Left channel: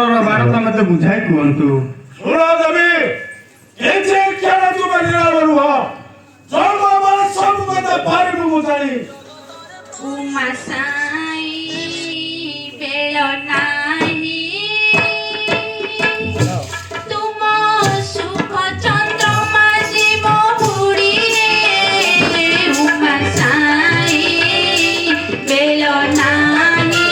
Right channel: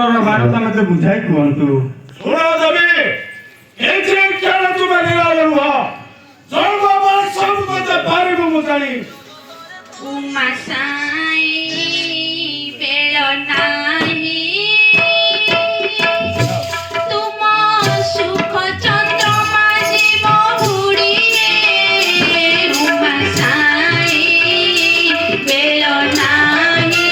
ଅନ୍ତରର ବାର୍ତ୍ତା ମୋତେ ବୁଝାଇ କୁହନ୍ତୁ। ଶୁଣ ଦେବୀ, ଏଥିରେ କେଣ ତୁମେ ନିରାଳ ନୁହ। ଜନ୍ମ ସବୁ କଥା ପାରିବୁ ମୁଁ ଜାଣି। ଉମା ସାଇ ବେଳ ନାହିଁ ତୁମ ଶୁଭ ଚନ୍ଦ୍ରମା ଯିବ ବୁଡ଼ିରେ। ଉମା ସାଇ ବେଳ ନାହିଁ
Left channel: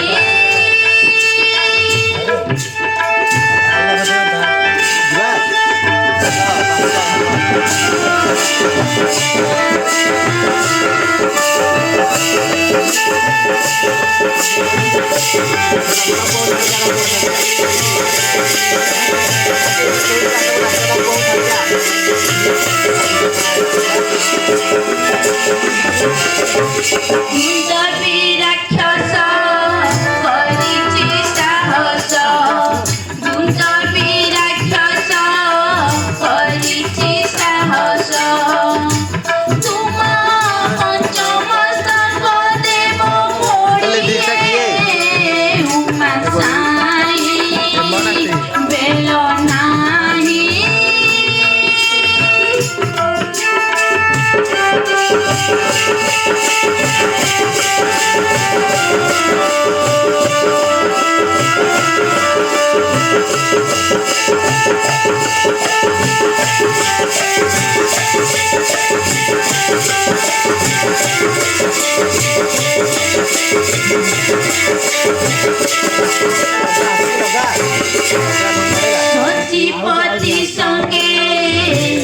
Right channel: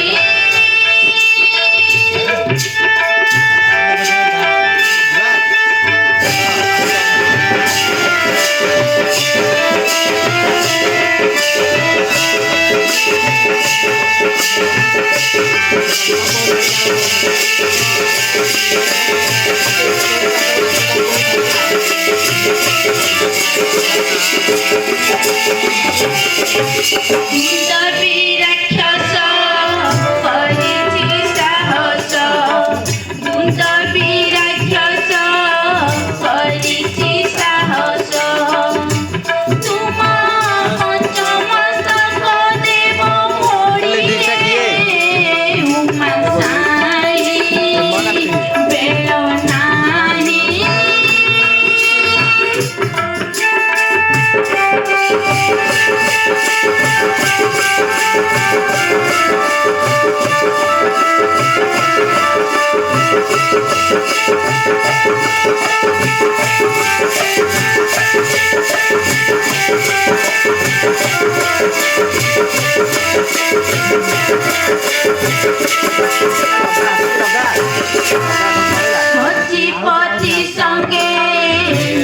ସଚିପତି ସଙ୍ଗେ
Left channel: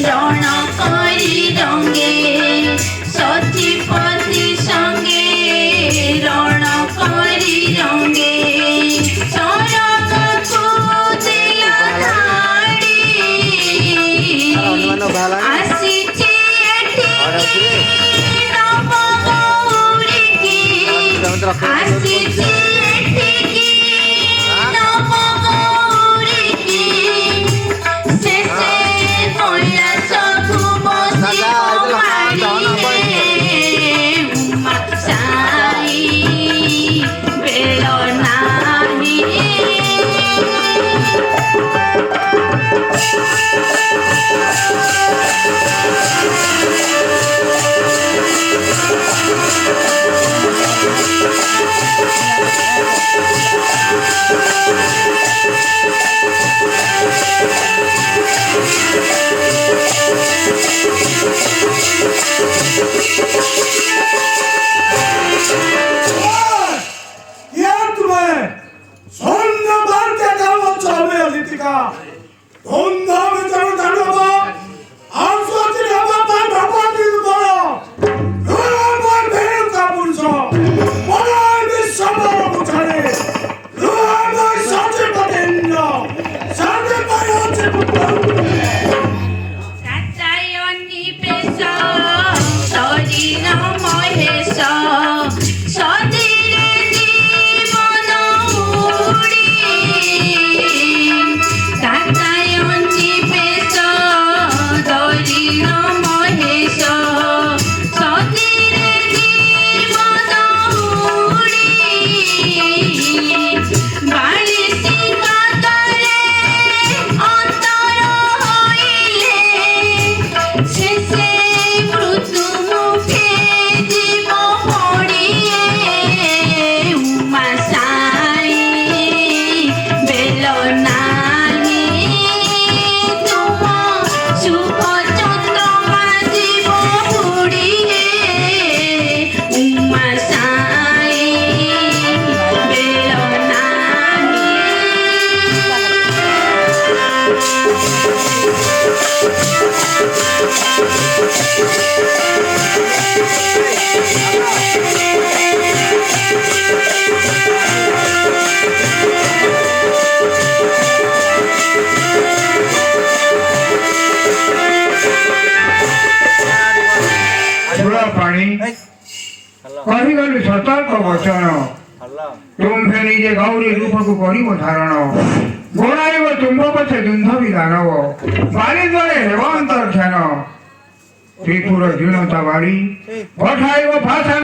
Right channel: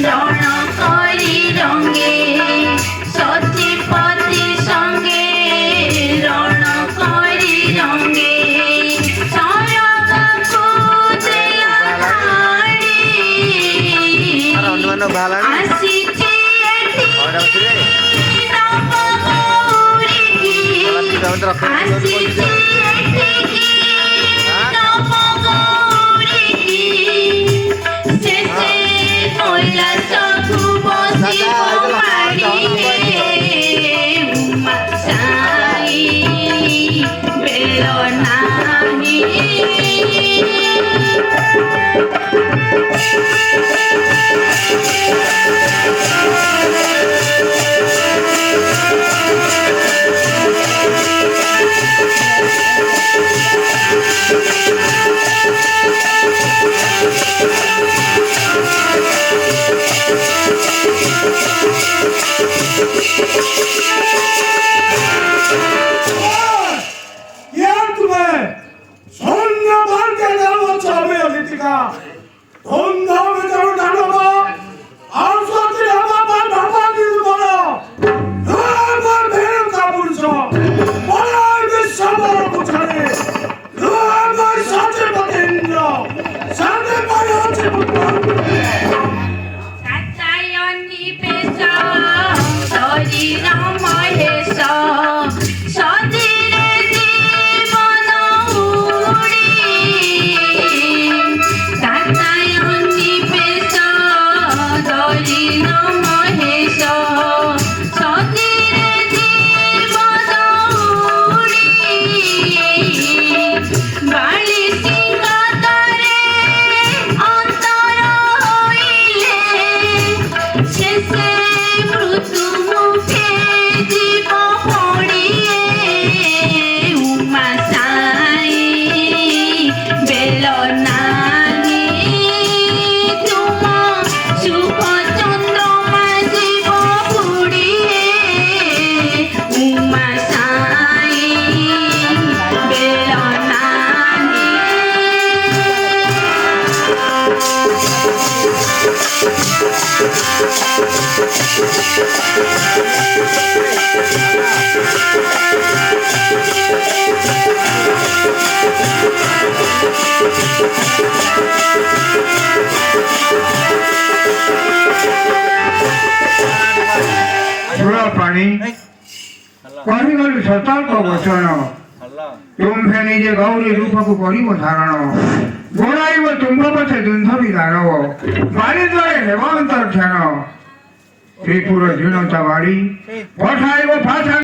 ରଣ କରି ରଙ୍ଗେ। ସଚିପତି ସଙ୍ଗେ ରଣ କରି ରଙ୍ଗେ। ଶରଣକୁ ଦେଲା ଆସିଛି ଏଠି ନବ ଗୌରୀକି। ଆସିଛି ଏଠିକି ନବ ଗୌରୀକି। ଶେଷେ କୈଳାସକୁ ବସିବ ମାଡ଼ିରେ। ଉମା ସାଇ ବେଳ ନାହିଁ ପାଣି କହିଗଲୁ ସତର୍କ ବଚନ ତୁମ୍ଭେ ନିଜେ ଗୌରୀ ରୂପକୁ କରିବ ଧାରଣ ଗୋଳାଇବ ତୁମ୍ଭ ପଛେ ଦୁନ୍ଧବି ଦାନବ ବାରିଦ୍ରରେ ହେବ ଅନ୍ତର୍ଧ୍ୟାନ ତ୍ରିପୁର ଝିଣତା ବାଡ଼ି ପଠାଇବ